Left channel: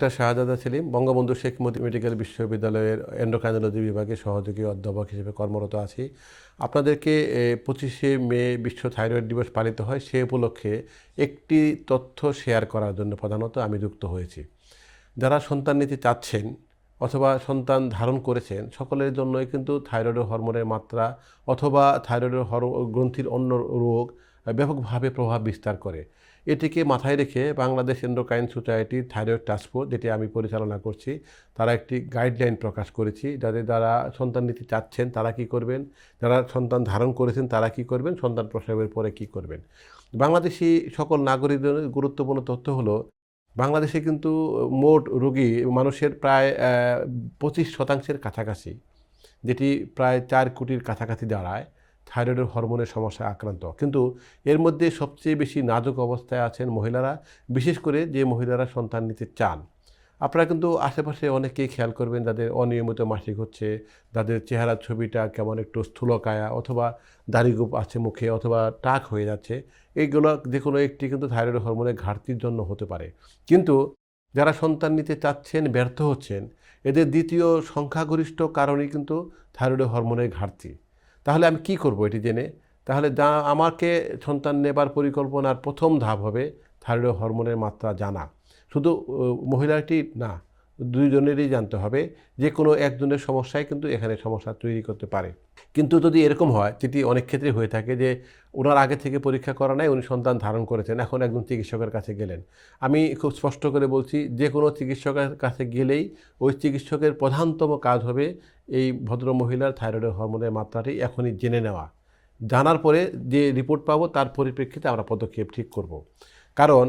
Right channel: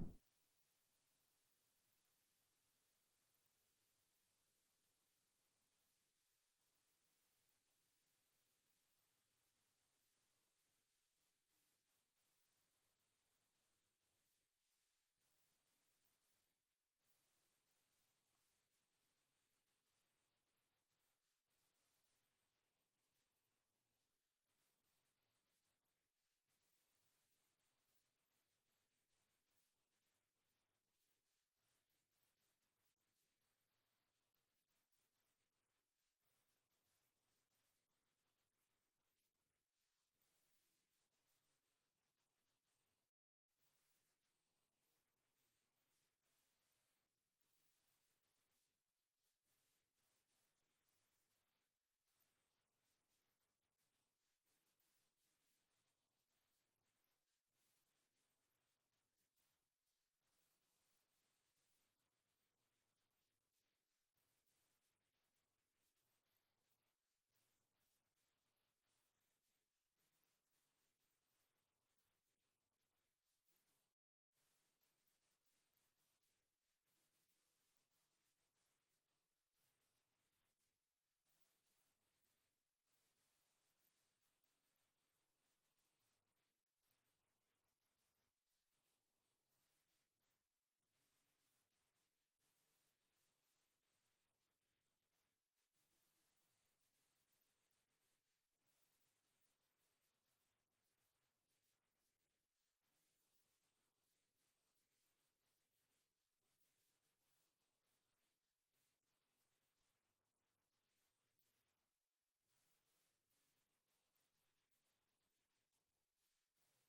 Doctor শাহজাদা Selim Bangabandhu Sheikh Mujib medical বিশ্ববিদ্যালয়ের endocrinology বিভাগে সহযোগী অধ্যাপক হিসেবে কর্মরত আছি। আপনাদেরকে 25শে মে বিশ্ব থাইরয়েড দিবস পালিত হয়, সে উপলক্ষে একটি তথ্য শেয়ার করার জন্য প্রধানত আমি যুক্ত হয়েছি। যারা সন্তান নিতে চাচ্ছেন অথবা সন্তান ধারণ করেছেন, সকলের জন্যই কিন্তু থাইরয়েড হরমোনের মাত্রা অথবা থাইরয়েড গ্রন্থির অন্য রোগ ব্যাপকভাবে প্রভাব বিস্তার করে। এটিকে মাথায় রেখে Bangladesh endocrine society thyroid task force, যেটি আমি পরিচালনা করছি, তারা একটি গাইডলাইন প্রকাশ করেছি যারা সন্তান নিতে চাচ্ছেন তারা কি করবেন, যারা সন্তান ধারণ করেছেন তারা কি করবেন, সন্তান প্রসবের পরে কি করবেন। বাংলাদেশি সকল নাগরিকদের গুরুত্বপূর্ণ তথ্য হলো, বাংলাদেশে কিন্তু মোট রোগী মানুষের প্রায় 25% কাছাকাছি, যেটি প্রায় 4 কোটির কাছাকাছি দাঁড়ায়, থাইরয়েডের হরমোনের সমস্যায় আক্রান্ত। কিন্তু এর মধ্যে সবচেয়ে বেশি নাজুক অবস্থায় আছেন মহিলারা, বিশেষ করে যে মহিলারা সন্তান নিতে চান। আপনারা কিন্তু আশেপাশে অনেকেই খেয়াল করবেন যাদের অনিয়মিত মাসিক হচ্ছে, যাদের চেহারার ছবিটা কেমন একটু স্থূলকায়া অথবা দাড়িগোঁফ আছে মুখে অথবা টাক হয়ে যাচ্ছে। এইগুলো যে কোনো একটি কিন্তু থাইরয়েড হরমোনের ঘাটতির জন্য হতে পারে। কিন্তু যারা সন্তান নিতে চাচ্ছেন ব্যর্থ হচ্ছেন, এদের দ্বিতীয় সংখ্যাগরিষ্ঠ কারণই কিন্তু থাইরয়েড হরমোনের ঘাটতি। তাহলে আমি কি করব এটি জেনে? তাহলে আমাকে সন্তান নেবার পরিকল্পনার প্রথম ধাপ হবে থাইরয়েড হরমোনের মাত্রা জানা। শুধু মহিলাটি না, দুইজনেরই জানতে হবে। যে কোনো একজনের সমস্যাই কিন্তু এখানে সমস্যা তৈরি করতে পারে। কিন্তু যদি এরকম হয়, যেটি অনেক ক্ষেত্রে হয়ে থাকে, যে ওনার আগে থেকে পরীক্ষা করা নাই, উনি সন্তান ধারণ করেছেন, এখন একজন চিকিৎসকের কাছে গেলেন। আমি খুব স্পষ্ট করে বলছি, যে কোনো চিকিৎসকের কাছে গেলেই ওই চিকিৎসকের প্রধানতম কাজ হবে এই ভদ্রমহিলার থাইরয়েড হরমোনের মাত্রাটি এখনই জেনে নেওয়া। জানার পরে যে রিপোর্ট পাবো তার পরিপ্রেক্ষিতে আমরা পদক্ষেপ ঠিক করব। কারণ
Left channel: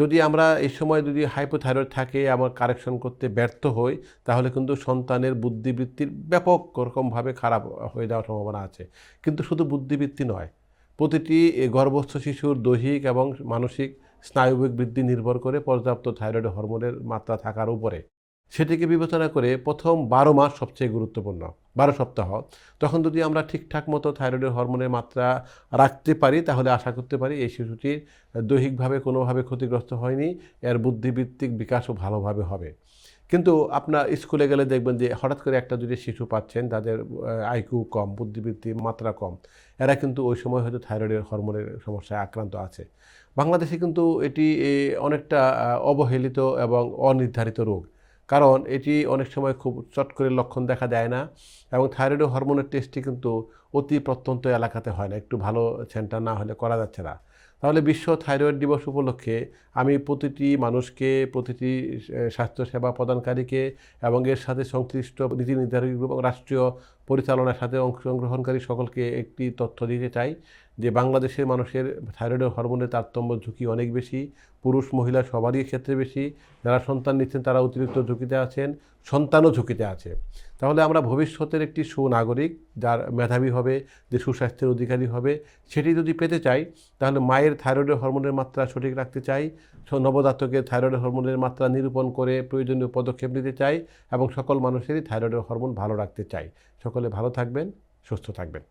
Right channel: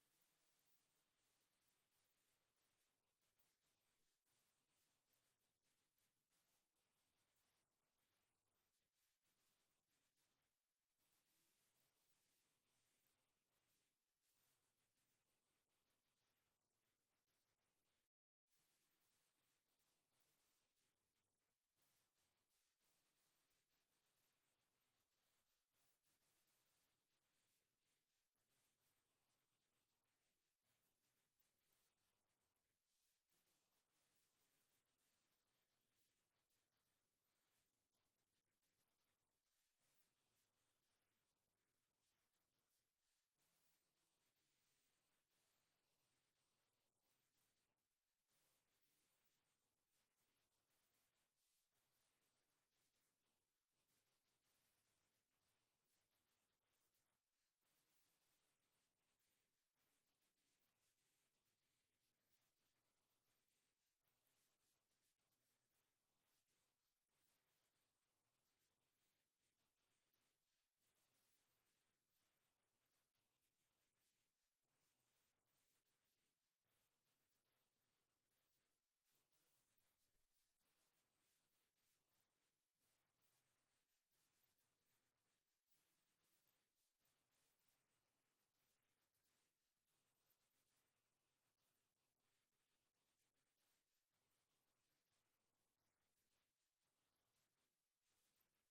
যদি আমরা এই সময় যদি হাইপোথাইরয়েড থাকে, আমার কারেকশন করতে ব্যর্থ হই, তাহলে কিন্তু সন্তানের বুদ্ধিবৃত্তির ব্যাপক রকমভাবে খারাপ হয়ে যাওয়ার সম্ভাবনা আছে। কিন্তু শুধু বুদ্ধিবৃত্তি নয়, প্রতিটি গর্ভস্থ শিশুর দৈহিক এবং মানসিক স্নায়ুবিক বৃদ্ধি নির্ভর করে পর্যাপ্ত থাইরয়েড হরমোনের মাত্রা থাকার উপরে। সেটিকে বিবেচনা করে প্রথম 12 মাস সবচেয়ে গুরুত্বপূর্ণ, 12 সপ্তাহ। তখন যদি আমরা ঠিকঠাক মতো থাইরয়েড হরমোনের মাত্রা রাখতে পারি, তাহলে আশা করতে পারি এই শিশুটির দৈহিকভাবে কোনোভাবে ক্ষতিগ্রস্ত হয়নি, এর বুদ্ধিবৃত্তিক বিকাশও ভালোভাবে হবে। কিন্তু আপনার স্কুলে গেলে দেখবেন যে হঠাৎ করে একটা যদি শিশু পাচ্ছেন যাদের আইকিউ কম, বুদ্ধিবৃত্তির মাত্রা কম, এরা কিন্তু ওই সময় হয়তো থাইরয়েডের হরমোনের সমস্যায় আক্রান্ত আছে। বাংলাদেশে কিন্তু এটি অনেকটা অবহেলিত এবং অনির্ধারিত রোগ। কারণ এটি অনেক সময় খুব চট করে লক্ষণ দেখা দেয় না, এবং থাইরয়েড হরমোনের টেস্টটি কিন্তু অতি প্রত্যন্ত এলাকাতে হয় না, একটু ভালো সেন্টার না হলে করা যাচ্ছে না। তাহলে বিশ্ব থাইরয়েড দিবস উপলক্ষে আমি প্রতিটি মানুষকে, প্রতিটি স্বাস্থ্যসেবা প্রদানকারীকে এবং এর সাথে সংশ্লিষ্ট নীতি নির্ধারক এবং রাষ্ট্রীয় পরিচালনার সাথে অংশগ্রহণকারী সকলকে একটি তথ্য দিতে চাই যে বাংলাদেশের মানুষের থাইরয়েড হরমোনের তারতম্য ঝুঁকি অনেক বেশি, পুরুষ মহিলা সবারই ক্ষেত্রে বেশি। যারা সন্তান নিচ্ছেন তারা অতিরিক্ত ঝুঁকিতে আছেন, সন্তানও ঝুঁকিতে আছে। তাহলে আমরা ভবিষ্যতের একটি সুনাগরিক, যার মেধাবী হবে, যে সুস্বাস্থ্যের অধিকারী হবে, সেটি যদি পেতে চাই, তাহলে মায়ের থাইরয়েড হরমোনের মাত্রা সঠিক রাখতে চাই, নবজাতকের থাইরয়েড হরমোনের মাত্রা নিরূপণ করে প্রয়োজনীয় পদক্ষেপ নিতে চাই, এবং সকল মানুষেরই থাইরয়েড হরমোন ভালো রাখতে চাই। সকলে ভালো থাকবেন, সুস্থ থাকবেন।